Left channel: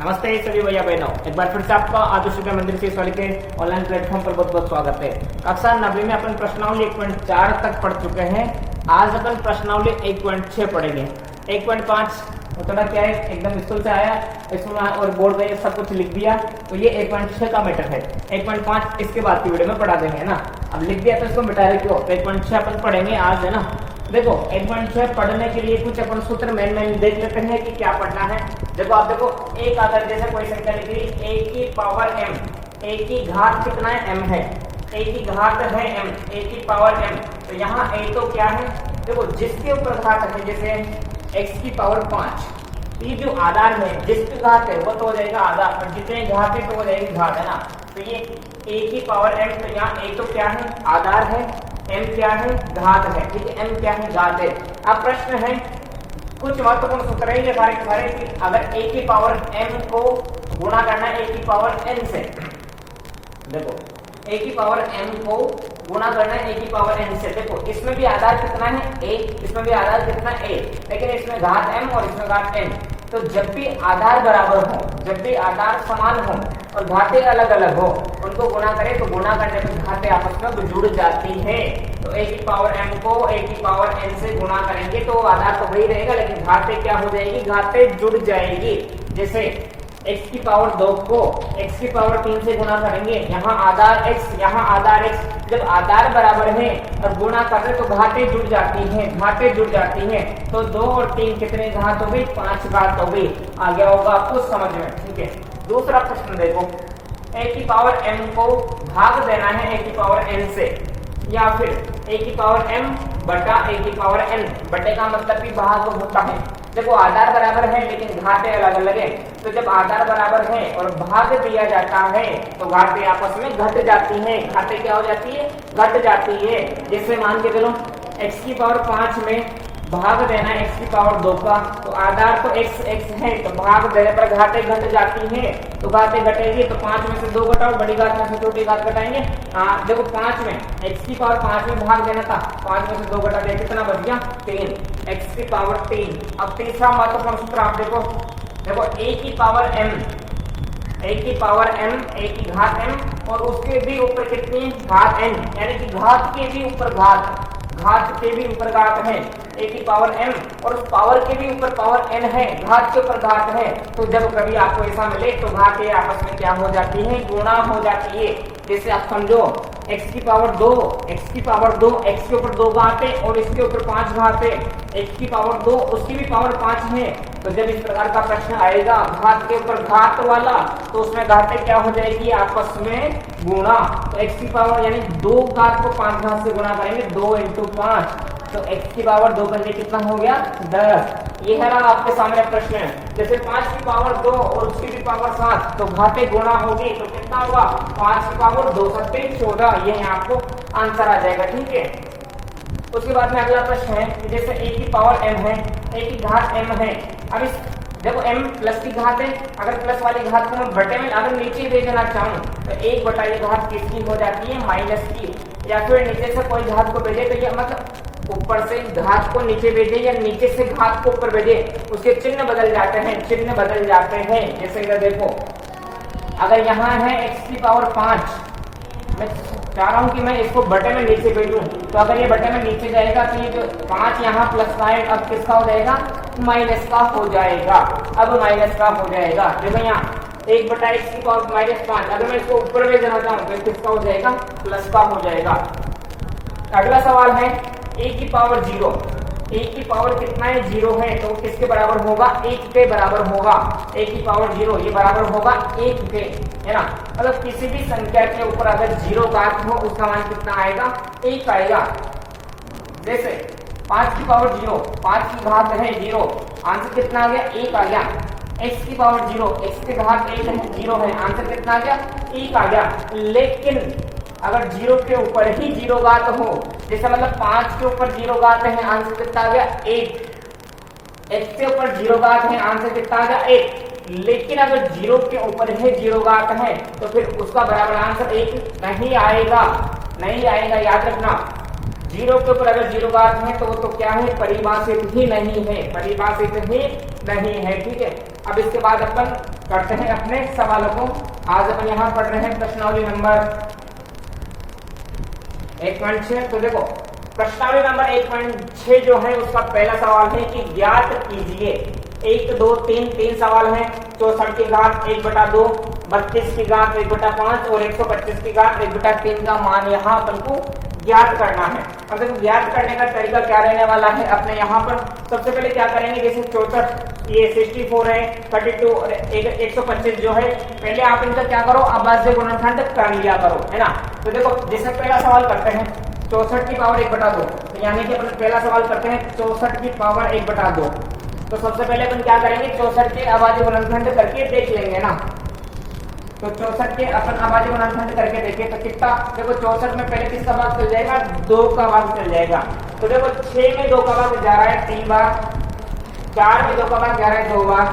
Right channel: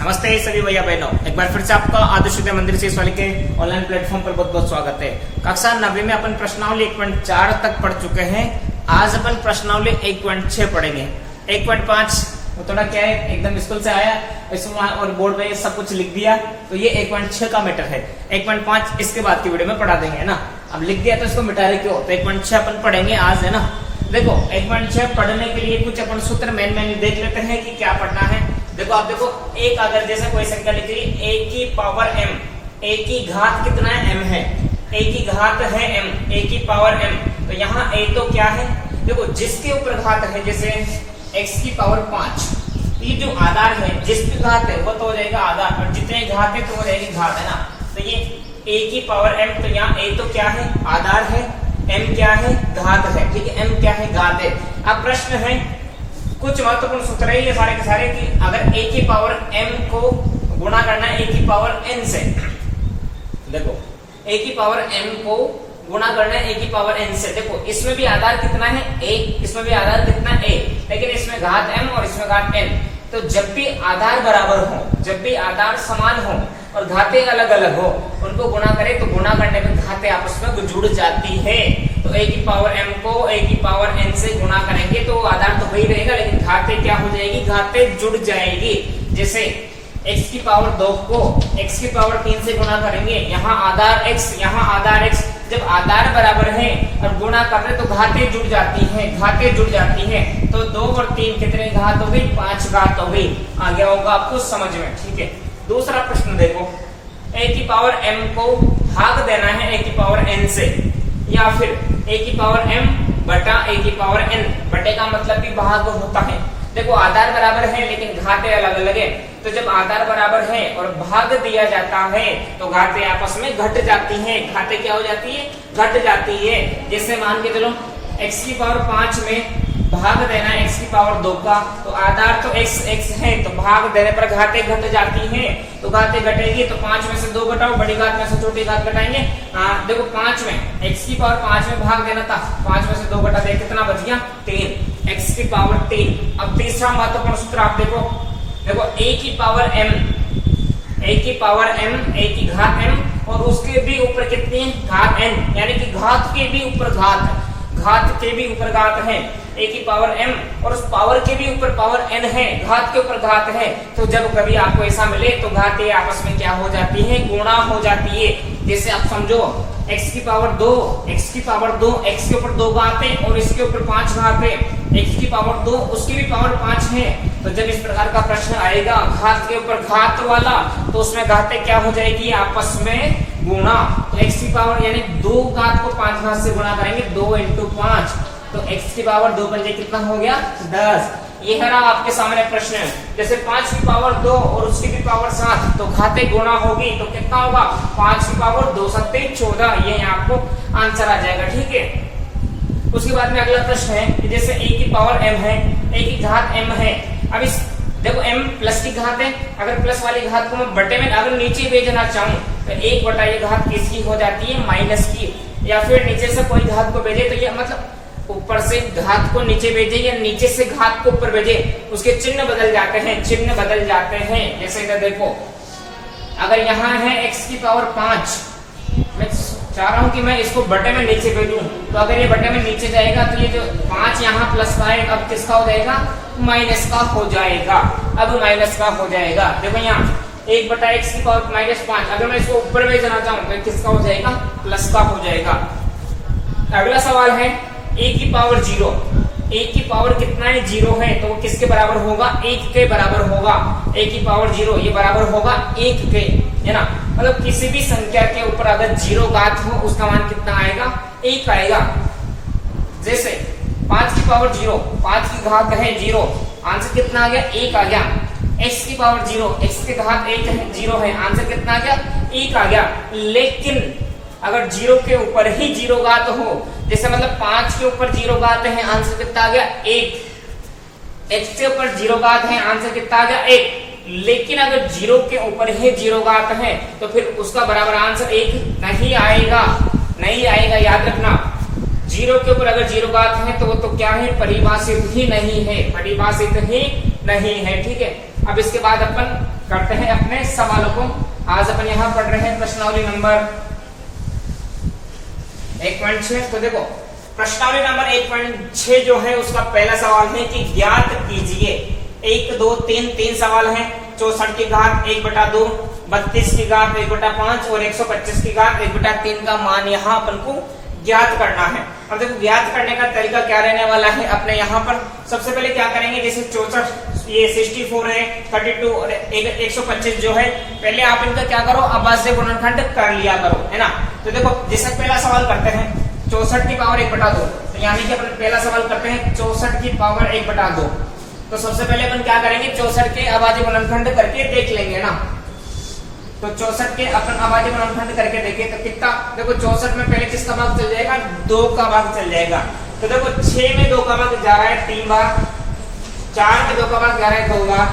नमस्ते सभी भैया बहनों, एक बार फिर से आपका आदर्श विद्या मंदिर से वाले के ऑनलाइन प्लेटफॉर्म पर बहुत बहुत स्वागत है। कक्षा 9वीं में अपन प्रश्नावली 1.4 तक पढ़ चुके हैं। आज अपन प्रश्नावली 1.6 पढ़ेंगे। 1.5 थोड़ा क्या है, एकदम स्कूल से आया इसमें और बोर्ड पे सब कुछ लिख दिया, तो ये 1.6 का मैटर है। 1.5 इसके बाद की वीडियो में पढ़ा देंगे, है ना। अब लिख दिया तो इसको मिटा रहे क्यों, तो 1.6 अपन पढ़ेंगे आज, है ना। देखो 1.6 पढ़ने के लिए कुछ अपन सूत्र मेन देख लेते हैं कि क्या पढ़ना है। देखो आप देखो, एक अगर जैसे कोई संख्या लिख ली a की पावर m, a की घात कितना है m है, a की घात है m, a की पावर m, तो यहाँ a तो क्या है, देखो जिसके ऊपर घात है, जैसे x की पावर 5, ये जो आधार है जिस पे घात है वो तो हो जाएगा आधार, और जितने घात है तो हो जाएगी घात, है ना। तो ये a की पावर m, तो यहाँ a तो क्या है आधार है, m क्या है घात है, ठीक है, m क्या है घात है। अब प्रश्न है कुछ महत्वपूर्ण सूत्र है ये सारे के सारे कि अगर a की पावर m को गुणा करना है a की पावर n से, देखो a की पावर m को गुणा करना है a की पावर n से, देखो इसमें भी आधार कितना है a, इसमें भी आधार कितना a, लेकिन इसमें घात m और इसमें घात n। तो जब भी आधार बराबर हो, जब भी आधार समान हो और घातें अलग अलग हो, उनको गुणा करें तो गुणा करने पर घातें आपस में जुड़ जाती है। तो a की पावर m को a की पावर n से गुणा करेंगे तो आधार तो वही रहेगा, लेकिन घातें क्या हो जाएगी, घातें जुड़ जाएगी। जैसे x की पावर 2 को x की पावर 3 से गुणा करेंगे, यहाँ आधार x, यहाँ आधार x, जब आधार बराबर है और गुणा करते तो घातें जुड़ जाती हैं, घातें जुड़ जाती हैं। तो 2 और 3 कितने घात हो गई, 5 घात हो गई। आ गया होगा आपको समझ में, ठीक है। दूसरा प्रश्न देखो, a की पावर m को भाग देना है a की पावर n से, या फिर a की पावर m बटा a की पावर n, बटे का मतलब भी भाग होता है। देखो आधार बराबर है लेकिन घातें अलग अलग है, तो जब आधार बराबर है और भाग दिया जाता है तो घातें आपस में घट जाती हैं। घातें क्या हो जाती है, घट जाती है। जैसे मान के चलो x की पावर 5 में भाग देना x की पावर 2 का, तो आधार तो x है, तो भाग देने पर घातें घट जाती हैं। तो घातें घटेगी तो 5 में से 2 घटाओ, बड़ी घात में से छोटी घात घटाएंगे। देखो 5 में x की पावर 5 में भाग देना था, 5 में से 2 घटा दे, कितना बच गया 3, x की पावर 3। अब तीसरा महत्वपूर्ण सूत्र आप देखो, देखो a की पावर m, a की पावर m, a की घात m, और उसके भी ऊपर कितनी घात n, यानी कि घात के भी ऊपर घात, घात के भी ऊपर घात है, a की पावर m, और उस पावर के भी ऊपर पावर n है, घात के ऊपर घात है। तो जब कभी आपको ऐसा मिले तो घातें आपस में क्या हो जाती है, गुणा हो जाती है। जैसे आप समझो x की पावर 2, x की पावर 2, x के ऊपर 2 घात है और इसके ऊपर 5 घात है, x की पावर 2 उसकी भी पावर 5 है। तो जब इस प्रकार का प्रश्न आएगा घात के ऊपर घात वाला, तो उसमें घातें क्या हो जाएगी, आपस में गुणा। तो x की पावर यानी 2 घात को 5 घात से गुणा करेंगे, 2 × 5, तो x की पावर 2 पंजे कितना हो गया 10। ये है ना आपके सामने प्रश्न। जैसे 5 की पावर 2 और उसकी भी पावर 7, तो घातें गुणा होगी तो कितना होगा, 5 की पावर 2 7 14, ये यहाँ आपको आंसर आ जाएगा, ठीक है। उसके बाद में अगला प्रश्न है कि जैसे a की पावर m है, a की घात m है। अब इस देखो m प्लस की घात है, अगर प्लस वाली घात को मैं बटे में अगर नीचे भेजना चाहूँ तो 1 बटा ये घात किसकी हो जाती है, माइनस की, या फिर नीचे से कोई घात को भेजे तो ये मतलब ऊपर से घात को नीचे भेजे या नीचे से घात को ऊपर भेजे, उसके चिन्ह बदल जाते हैं, चिन्ह बदल जाते हैं। जैसे इधर देखो, अगर यहाँ है x की पावर 5, मैं चाह रहा हूँ कि मैं इसको बटे में नीचे भेजूं, तो अगर ये बटे में नीचे जाएगा तो ये जो 5 यहाँ प्लस का है, अब किसका हो जाएगा, माइनस का हो जाएगा, अब माइनस का हो जाएगा। देखो यहाँ 1 बटा x की पावर -5, अगर मैं इसको ऊपर भेजना चाहूँ तो किसका हो जाएगा, प्लस का हो जाएगा। अगला सवाल है a की पावर 0, a की पावर कितना है, 0 है, तो किसके बराबर होगा, 1 के बराबर होगा। a की पावर 0 ये बराबर होगा 1 के, है ना। मतलब किसी भी संख्या के ऊपर अगर 0 घात हो उसका मान कितना आएगा, 1 आएगा। जैसे 5 की पावर 0, 5 की घात है 0, आंसर कितना आ गया, 1 आ गया। x की पावर 0, x की घात 1 है, 0 है, आंसर कितना आ गया, 1 आ गया। लेकिन अगर 0 के ऊपर ही 0 घात हो, जैसे मतलब 5 के ऊपर 0 घात है, आंसर कितना आ गया, 1। x के ऊपर 0 घात है, आंसर कितना आ गया, 1। लेकिन अगर 0 के ऊपर ही 0 घात है तो फिर उसका बराबर आंसर 1 नहीं आएगा, नहीं आएगा, याद रखना। 0 के ऊपर अगर 0 घात है तो वो तो क्या है, परिभाषित ही नहीं है, परिभाषित ही नहीं है, ठीक है। अब इसके बाद अपन करते हैं अपने सवालों को। आज अपन यहाँ पढ़ रहे हैं प्रश्नावली नंबर 1.6। तो देखो प्रश्नावली नंबर 1.6 जो है उसका पहला सवाल है कि ज्ञात कीजिए 1 2 3 सवाल है। 64 की घात 1/2, 32 की घात 1/5 और 125 की घात 1/3 का मान यहाँ अपन को ज्ञात करना है। अब देखो ज्ञात करने का तरीका क्या रहने वाला है अपने यहाँ पर। सबसे पहले क्या करेंगे, जैसे 64 ये 64 है, 32 और 125 जो है, पहले आप इनका क्या करो, अभाज्य गुणनखंड कर लिया करो, है ना। तो देखो जैसे पहला सवाल करते हैं 64 की पावर 1/2, तो यानी कि अपन पहला सवाल करते हैं 64 की पावर 1/2। तो सबसे पहले अपन क्या करेंगे, 64 के अभाज्य गुणनखंड करके देख लेंगे ना। तो 64 के अपन अभाज्य गुणनखंड करके देखें तो कितना, देखो 64 में पहले किसका भाग चल जाएगा, 2 का भाग चल जाएगा। तो देखो 6 में 2 का भाग जा रहा है 3 बार, 4 में 2 का भाग जा रहा है 2 बार,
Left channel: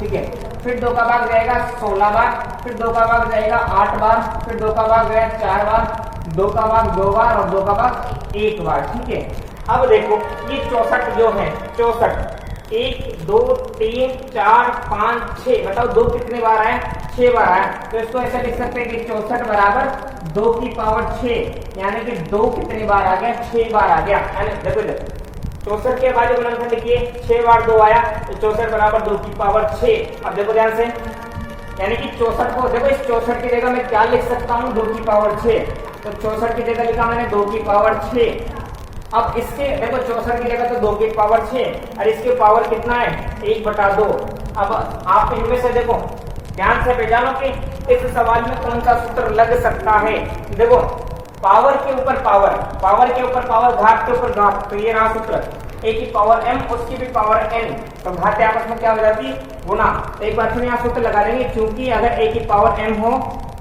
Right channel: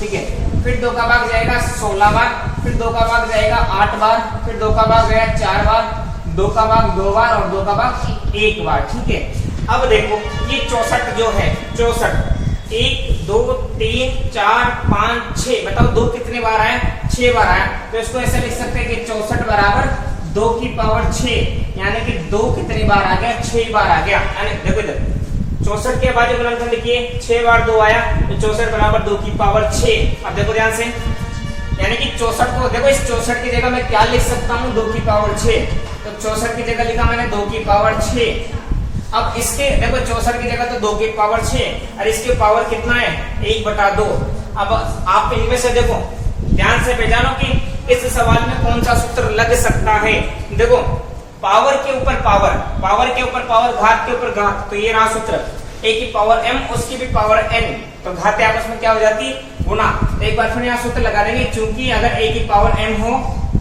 ठीक है। फिर 2 का भाग जाएगा 16 बार, फिर 2 का भाग जाएगा 8 बार, फिर 2 का भाग गया 4 बार, 2 का भाग 2 बार और 2 का भाग 1 बार, ठीक है। अब देखो ये 64 जो है, 64 1 2 3 4 5 6, बताओ 2 कितने बार आया, 6 बार आया। तो इसको ऐसे लिख सकते हैं कि 64 बराबर 2 की पावर 6, यानी कि 2 कितनी बार आ गया, 6 बार आ गया। यानी देखो इधर 64 के अभाज्य गुणनखंड लिखिए, 6 बार 2 आया, तो 64 बराबर 2 की पावर 6। अब देखो ध्यान से, यानी कि 64 को देखो, इस 64 की जगह मैं क्या लिख सकता हूँ, 2 की पावर 6। तो 64 की जगह लिखा मैंने 2 की पावर 6। अब इसके देखो 64 की जगह तो 2 की पावर 6 और इसके पावर कितना है, 1/2। अब आप इनमें से देखो ध्यान से पहचानो कि इस सवाल में कौन सा सूत्र लग सकता है। देखो पावर के ऊपर पावर, पावर के ऊपर पावर, घात के ऊपर घात, तो ये रहा सूत्र, a की पावर m उसकी भी पावर n, तो घातें आपस में क्या हो जाती है, गुना। तो एक बार फिर यहाँ सूत्र लगा देंगे, क्योंकि अगर a की पावर m हो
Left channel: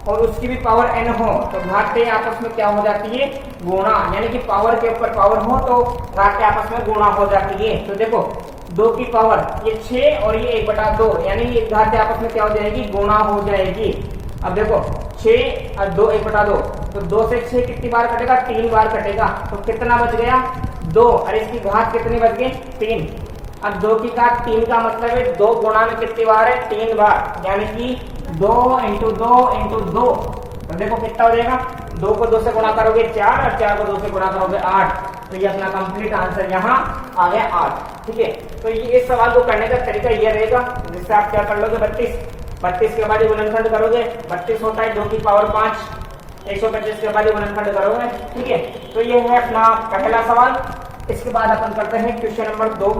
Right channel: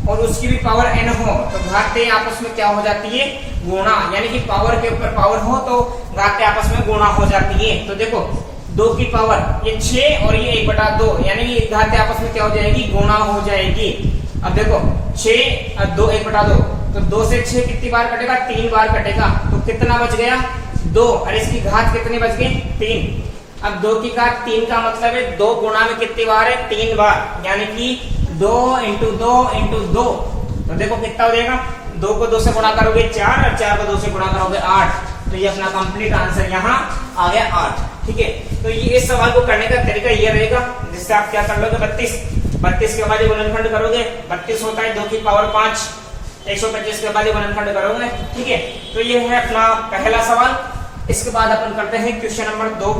और उसकी भी पावर n हो तो घातें आपस में क्या हो जाती है, गुणा। यानी कि पावर के ऊपर पावर हो तो घातें आपस में गुणा हो जाती है। तो देखो 2 की पावर ये 6 और ये 1/2, यानी ये घातें आपस में क्या हो जाएगी, गुणा हो जाएगी। अब देखो 6 और 2 1/2, तो 2 से 6 कितनी बार कटेगा, 3 बार कटेगा, तो कितना बच गया, 2, और इसकी घात कितनी बच गई, 3। अब 2 की घात 3 का मतलब है 2 गुणा में कितनी बार है, 3 बार, यानी कि 2 × 2 × 2। तो देखो कितना हो जाएगा, 2 को 2 से गुणा करोगे 4 और 4 को 2 से गुणा करोगे 8। तो ये अपना कंप्लीट आंसर यहाँ आ गया 8, ठीक है। तो ये इस सवाल को करने का तरीका ये रहेगा, जिससे आप क्या कर लोगे, 32 के अभाज्य गुणनखंड करोगे, 32 होता है 2 की पावर 5, 125 के अभाज्य गुणनखंड करोगे, ठीक है। तो ये है अपना पहला सवाल। इसके बाद अपन करते हैं क्वेश्चन नंबर 2।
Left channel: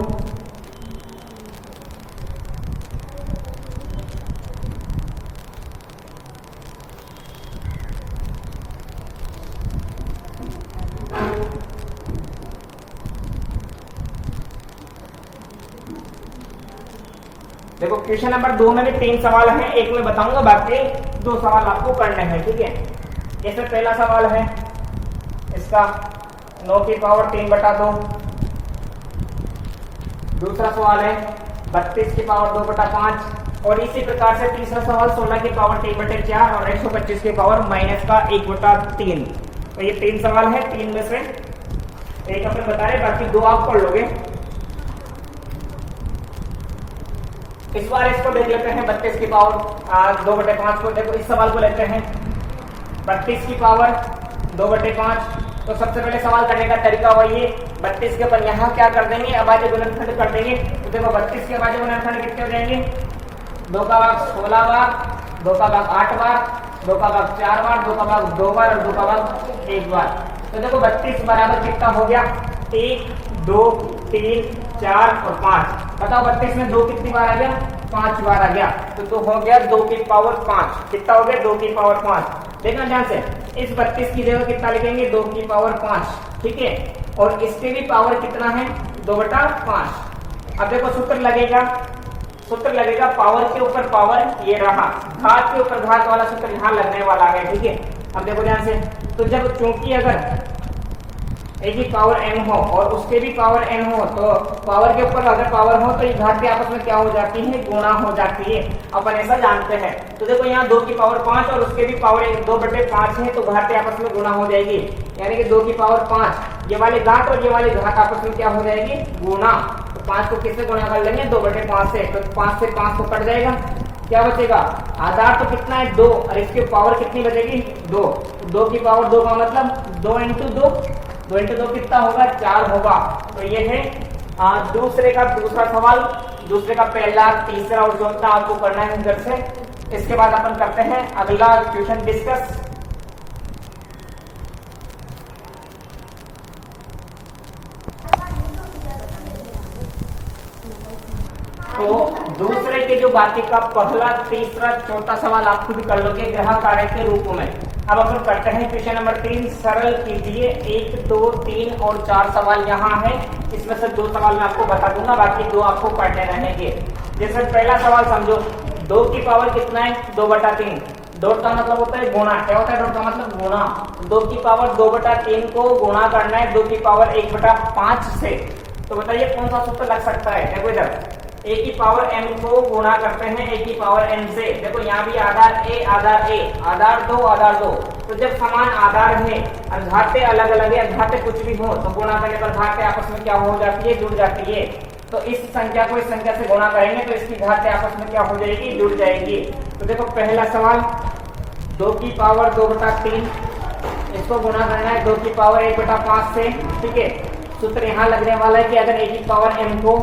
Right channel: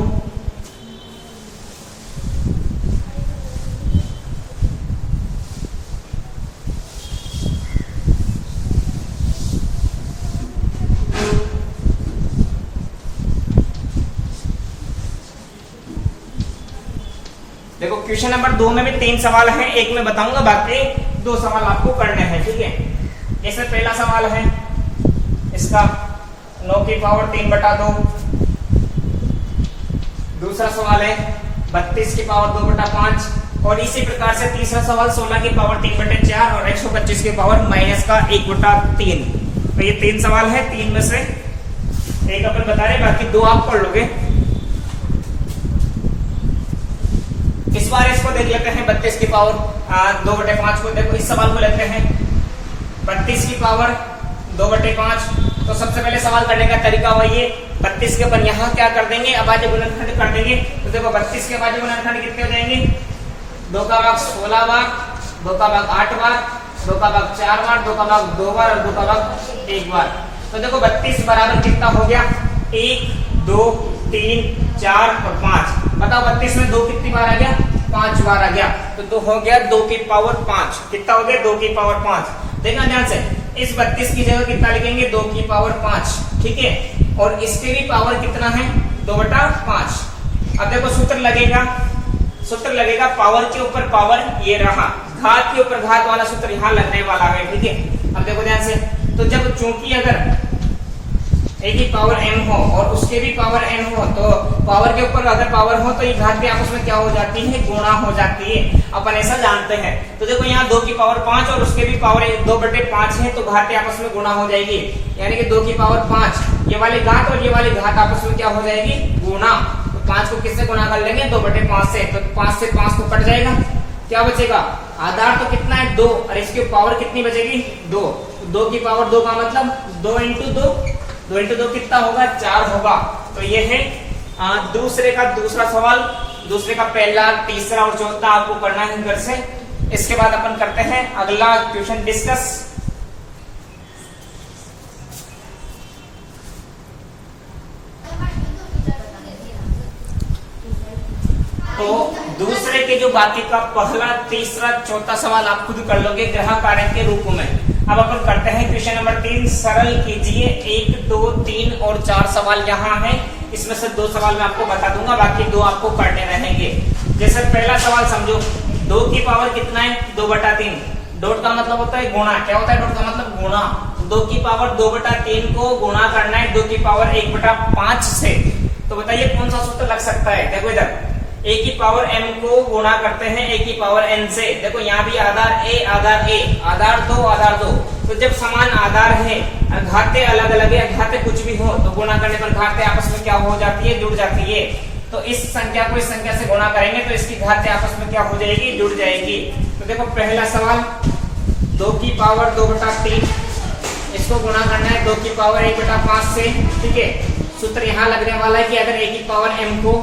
देखो क्वेश्चन नंबर 2 में भी 3 सवाल हैं, एक मैं बताऊंगा, बाकी 2 सवाल आपको करने हैं, ठीक है। जैसे पहला सवाल है इसका 9 की पावर 3/2, दूसरा सवाल है 32 की पावर 2/5, और इसी प्रकार से तीसरा सवाल 16 की पावर 3/4 और 125 की पावर -1/3। तो ये 3 सवाल है, 3 में से एक अपन बता रहे, बाकी 2 आप पढ़ लोगे। इस बार इसको देख लेते हैं 32 की पावर 2/5 को। देखो इस सवाल को लेते हैं 32 की पावर 2/5। तो सबसे पहले सवाल करने का तरीका वही है, 32 के अपन यहाँ क्या कर देंगे, अभाज्य गुणनखंड कर देंगे। तो देखो 32 के अभाज्य गुणनखंड कितने हो जाएंगे, 2 का भाग 16 बार, 2 का भाग 8 बार, 2 का भाग 4 बार, 2 का भाग 2 बार और 2 का भाग 1 बार। तो देखो 32 बराबर कितना हो गया, 1 2 3 4 और 5। बताओ 32 में 2 कितनी बार आ गया, 5 बार आ गया। तो 2 हो गया 2 की पावर 5। कितना हो गया, 2 की पावर 5। देखना ध्यान से, इस 32 की जगह कितना लिखेंगे, 2 की पावर 5, ठीक है। और इसके भी पावर कितना है, 2/5। अब देखो सूत्र लगेगा पावर के ऊपर पावर, ये रहा, घात के ऊपर घात वाला सूत्र यहाँ लगने वाला है, ठीक है। अब देखो ध्यान से, तो जब चूंकि अगर a की पावर m हो और उसके भी पावर n हो, तो पावर के ऊपर अगर पावर हो तो ये घातें आपस में क्या हो जाती है, गुणा हो जाती है, अपन ऐसा जानते हैं। तो देखो यहाँ 2 की पावर 5 और उसके भी पावर 2/5 है, तो घातें आपस में गुणा हो जाएगी, यानी कि 2 की पावर 5, ये वाली घात और ये वाली घात आपस में क्या हो जाएगी, गुणा। तो 5 को किससे गुणा कर लेंगे, 2/5 से, तो 5 से 5 तो कट जाएगा, क्या बचेगा, आधार तो कितना है 2 और इसकी पावर कितनी बचेगी 2, 2 की पावर 2 का मतलब 2 इंटू 2, 2 इंटू 2 कितना होगा 4 होगा। तो ये है दूसरे का दूसरा सवाल, दूसरे का पहला, तीसरा और चौथा आपको करना है घर से। इसके बाद अपन करते हैं अगला क्वेश्चन डिस्कस। तो दूसरे के जो बाकी का पहला, तीसरा, चौथा सवाल आप खुद कर लोगे ग्रह कार्य के रूप में। अब अपन करते हैं क्वेश्चन नंबर 3, सरल कीजिए। 1, 2, 3 और 4 सवाल यहाँ है, इसमें से 2 सवाल मैं आपको बता दूंगा, बाकी 2 आपको करने रहेंगे। जैसे पहला सवाल समझो, 2 की पावर कितना है 2/3, डॉट का मतलब होता है गुणा। क्या होता है डॉट का मतलब गुणा, 2 की पावर 2/3 को गुणा करना है 2 की पावर 1/5 से। तो बताइए कौन सा सूत्र लग सकता है। देखो इधर a की पावर m को गुणा करते हैं a की पावर n से। देखो यहाँ भी आधार a, आधार 2, आधार 2। तो जब समान आधार है और घाते अलग अलग है, घाते कुछ भी हो तो गुणा करने पर घाते आपस में क्या हो जाती है, जुड़ जाती है। तो इस संख्या को इस संख्या से गुणा करेंगे तो इसकी घाते आपस में क्या हो जाएगी, जुड़ जाएगी। तो देखो पहला सवाल, 2 की पावर 2/3, इसको गुणा करना है 2 की पावर 1/5 से। ठीक है, सूत्र यहाँ लगने वाला है कि अगर a की पावर m को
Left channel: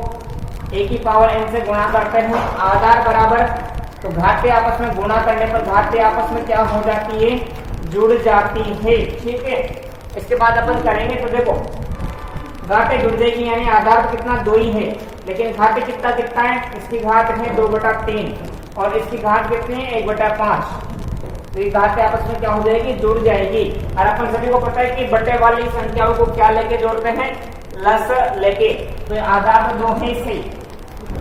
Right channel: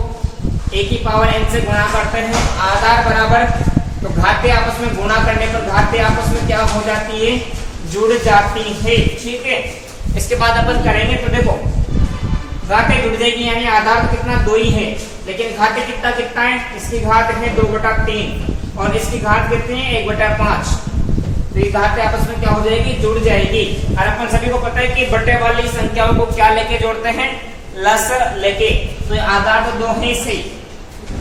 a की पावर n से गुणा करते हैं, आधार बराबर, तो घाते आपस में गुणा करने पर घाते आपस में क्या हो जाती है, जुड़ जाती है। ठीक है, इसके बाद अपन करेंगे तो देखो घाते जुड़ जाएगी, यानी आधार तो कितना 2 ही है, लेकिन घाते कितना दिखता है, इसकी घात है 2/3 और इसकी घात कितनी है 1/5। तो ये घाते आपस में क्या हो जाएगी, जुड़ जाएगी। और अपन सभी को पता है कि बटे वाली संख्याओं को क्या लेके जोड़ते हैं, लस लेके। तो आधार तो 2 है सही।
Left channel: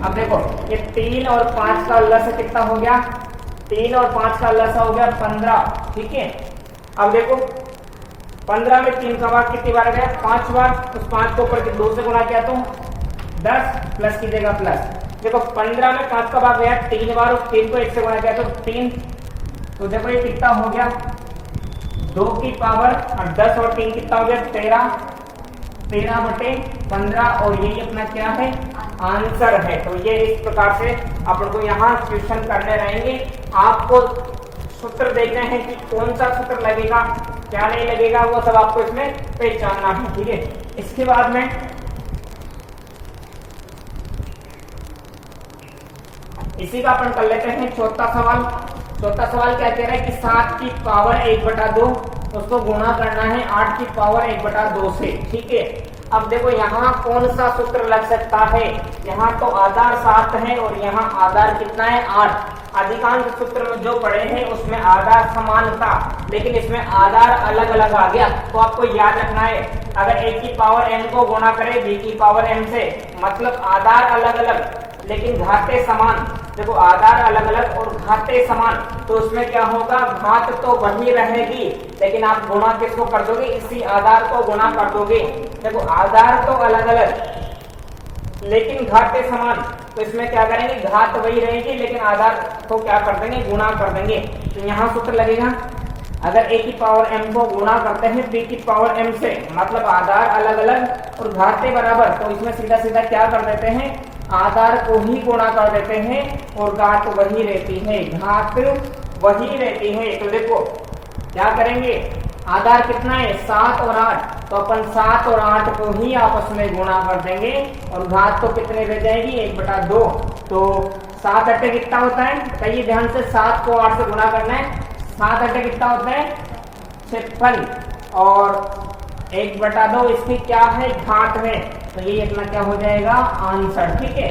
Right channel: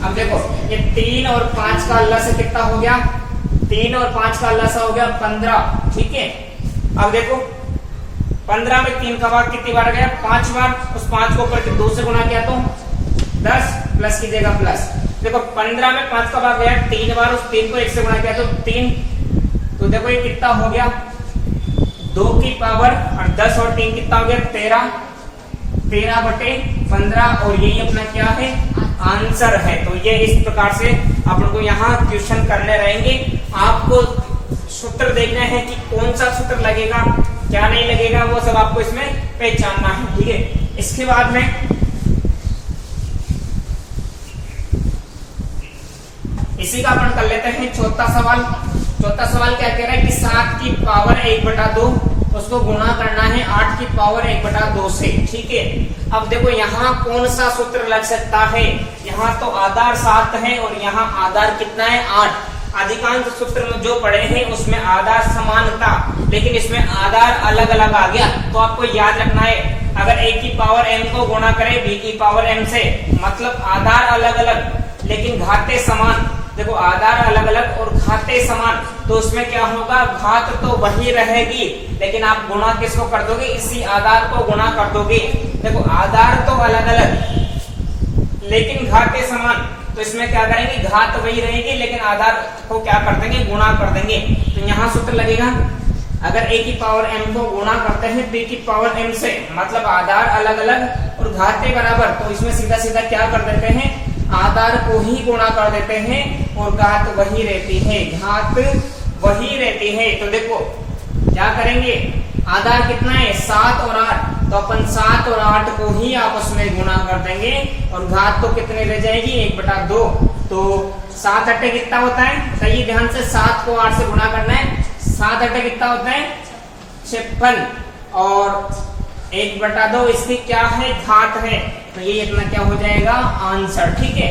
अब देखो ये 3 और 5 का लस कितना हो गया, 3 और 5 का लस हो गया 15। ठीक है, अब देखो 15 में 3 का भाग कितनी बार गया, 5 बार। उस 5 को ऊपर 2 से गुणा किया तो 10, प्लस कीजिएगा प्लस। देखो 15 में 5 का भाग गया 3 बार, उस 3 को 1 से गुणा किया तो 3। तो देखो ये कितना हो गया, 2 की पावर और 10 और 3 कितना हो गया 13/15 और यही अपना क्या है, आंसर है। तो ये इस प्रकार से अपन को यहाँ क्वेश्चन करने रहेंगे। आपको सूत्र देखना है कि कौन सा सूत्र लगेगा, क्या नहीं लगेगा, वो सब आपको इसमें पहचानना है। ठीक है, इसके बाद में इसी का अपन कर लेते हैं चौथा सवाल। चौथा सवाल क्या कह रहा है कि 7 की पावर 1/2 उसको गुणा करना है 8 की पावर 1/2 से। ठीक है, अब देखो यहाँ कौन सा सूत्र लग सकता है, यहाँ तो आधार 7 है और यहाँ आधार कितना है 8। अधिकांश सूत्र में जो पढ़े हैं उसमें आधार समान था, लेकिन इसमें आधार अलग अलग आ गया। तो आपको याद रखना है, अगर a की पावर m को गुणा करे b की पावर m से, मतलब आधार अलग अलग लेकिन घाते समान। देखो आधार अलग अलग और घाते समान, तो उसमें क्या होगा, घात तो वही रहेगी लेकिन आप गुणा किसको कर दोगे, इसी आधार को गुणा कर दोगे। देखो आधार तो अलग अलग लेकिन घाते समान, तो इसमें क्या करेंगे, घात वही रहेगी लेकिन आधार को क्या कर देंगे, गुणा कर देंगे। तो यहाँ सूत्र लगेगा, अगर a की पावर m को गुणा करते हैं b की पावर m से, मतलब आधार अलग अलग और घाते बराबर, तो इसमें सीधा सीधा क्या कर देते हैं, आधार को ही गुणा कर देते हैं और घात वही रहती है, घात वही रहती है। तो देखो क्या करेंगे, आधार कितना है 7 और 8, तो अपन 7 और 8 को ही आपस में गुणा कर देंगे और घात तो कितने रह जाएगी 1/2। तो 7 8 कितना होता है, सही ध्यान से 7 को 8 से गुणा करना है, 7 8 कितना होता है 56 और 1/2 इसकी क्या है, घात है। तो ये इतना क्या हो जाएगा, आंसर। ठीक है,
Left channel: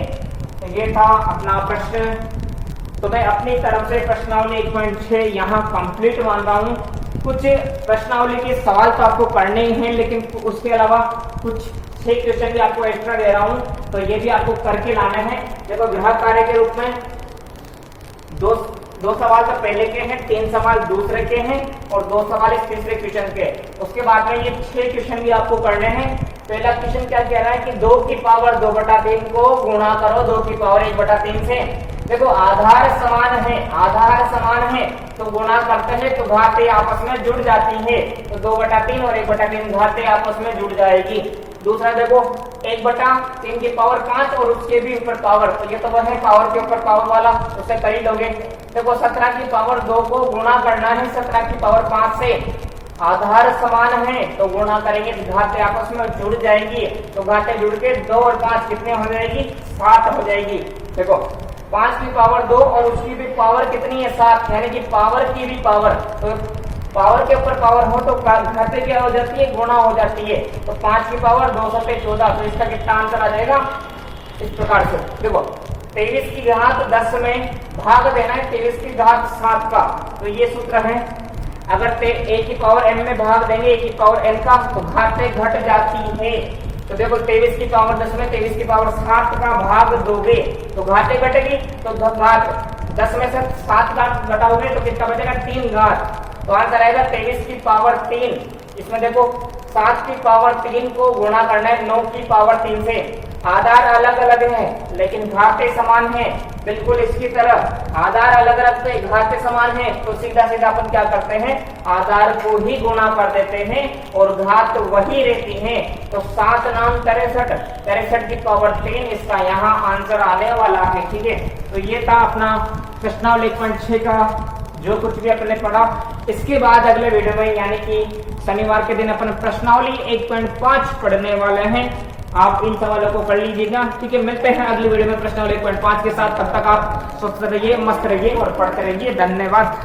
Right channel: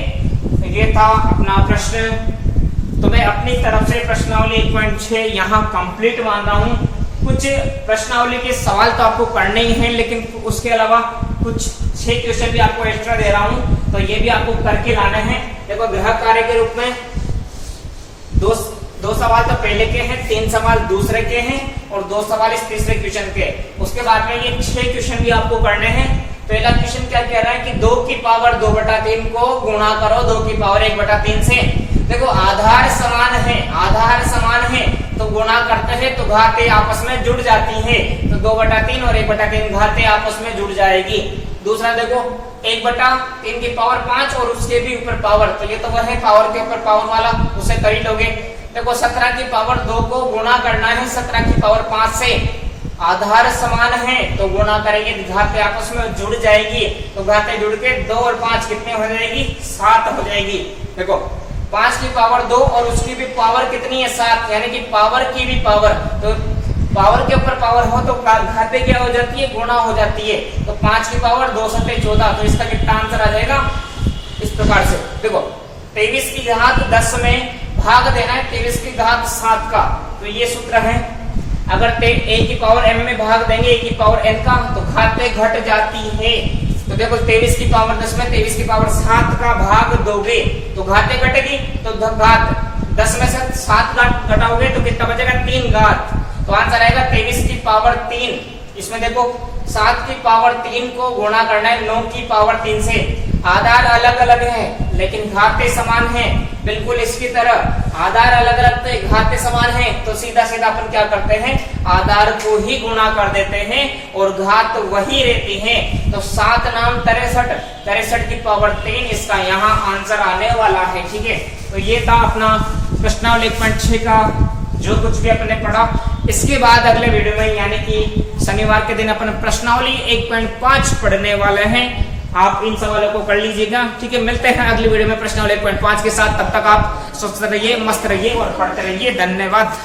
तो ये था अपना प्रश्न। तो मैं अपनी तरफ से प्रश्नावली 1.6 यहाँ कंप्लीट मान रहा हूँ। कुछ प्रश्नावली के सवाल तो आपको करने ही हैं, लेकिन उसके अलावा कुछ 6 क्वेश्चन भी आपको एक्स्ट्रा दे रहा हूँ, तो ये भी आपको करके लाना है। देखो गृह कार्य के रूप में दो सवाल तो पहले के हैं, 3 सवाल दूसरे के हैं और 2 सवाल इस तीसरे क्वेश्चन के। उसके बाद में ये 6 क्वेश्चन भी आपको करने हैं। पहला क्वेश्चन क्या कह रहा है कि 2 की पावर 2/3 को गुणा करो 2 की पावर 1/3 से। देखो आधार समान है, आधार समान है तो गुणा करते हैं तो घातें आपस में जुड़ जाती है। तो 2/3 और 1/3 घातें आपस में जुड़ जाएगी। दूसरा देखो 1/3 की पावर 5 और उसके भी ऊपर पावर, तो ये तो वह है पावर के ऊपर पावर वाला, उसे कर ही लोगे। देखो 17 की पावर 2 को गुणा करना है 17 की पावर 5 से, आधार समान है तो गुणा करेंगे, घातें आपस में जुड़ जाएगी, तो घातें जुड़ के 2 और 5 कितने हो जाएगी, 7 हो जाएगी। देखो 5 की पावर 2 और उसकी भी पावर कितनी है, 7, यानी कि पावर की भी पावर, तो पावर के ऊपर पावर हो तो घातें क्या हो जाती है, गुणा हो जाती है। तो 5 की पावर 2 7 14, तो इसका कितना आंसर आ जाएगा, इस प्रकार से। देखो 23 की घात 10 में भाग देना है 23 की घात 7 का, तो ये सूत्र है। अगर a की पावर m में भाग देंगे a की पावर n का, तो घातें घट जाती है। तो देखो 23 की पावर 10 में 23 की पावर 7 का भाग दोगे तो घातें घटेगी, तो घात 10 में से 7 घटाओगे तो कितना बचेगा, 3 घात, तो आंसर आएगा 23 की पावर 3। इसमें देखो 7 की पावर 3 को गुणा करना है 9 की पावर 3 से, आधार अलग अलग है लेकिन घातें समान है, बिल्कुल इसकी तरह आधार अलग अलग तो घातें समान है, तो सीधा सीधा अपन क्या करते हैं, आधार को ही गुणा कर देते हैं और घात वही रहती है। तो 7 नाम 63, 63 की पावर 3 इसका यहाँ आंसर आने वाला है। ठीक है, तो ये था अपना प्रश्नावली 1.6 का जो कुछ भी अपने पढ़ा। इसके बाद अगले वीडियो में यानी कि शनिवार के दिन अपन प्रश्नावली 1.5 पढ़ने वाले हैं। आप इन सवालों को कर लीजिएगा। ठीक है, मिलते हैं अगली वीडियो में प्रश्नावली 1.5 के साथ। तब तक आप स्वस्थ रहिए, मस्त रहिए और पढ़ते रहिए। धन्यवाद।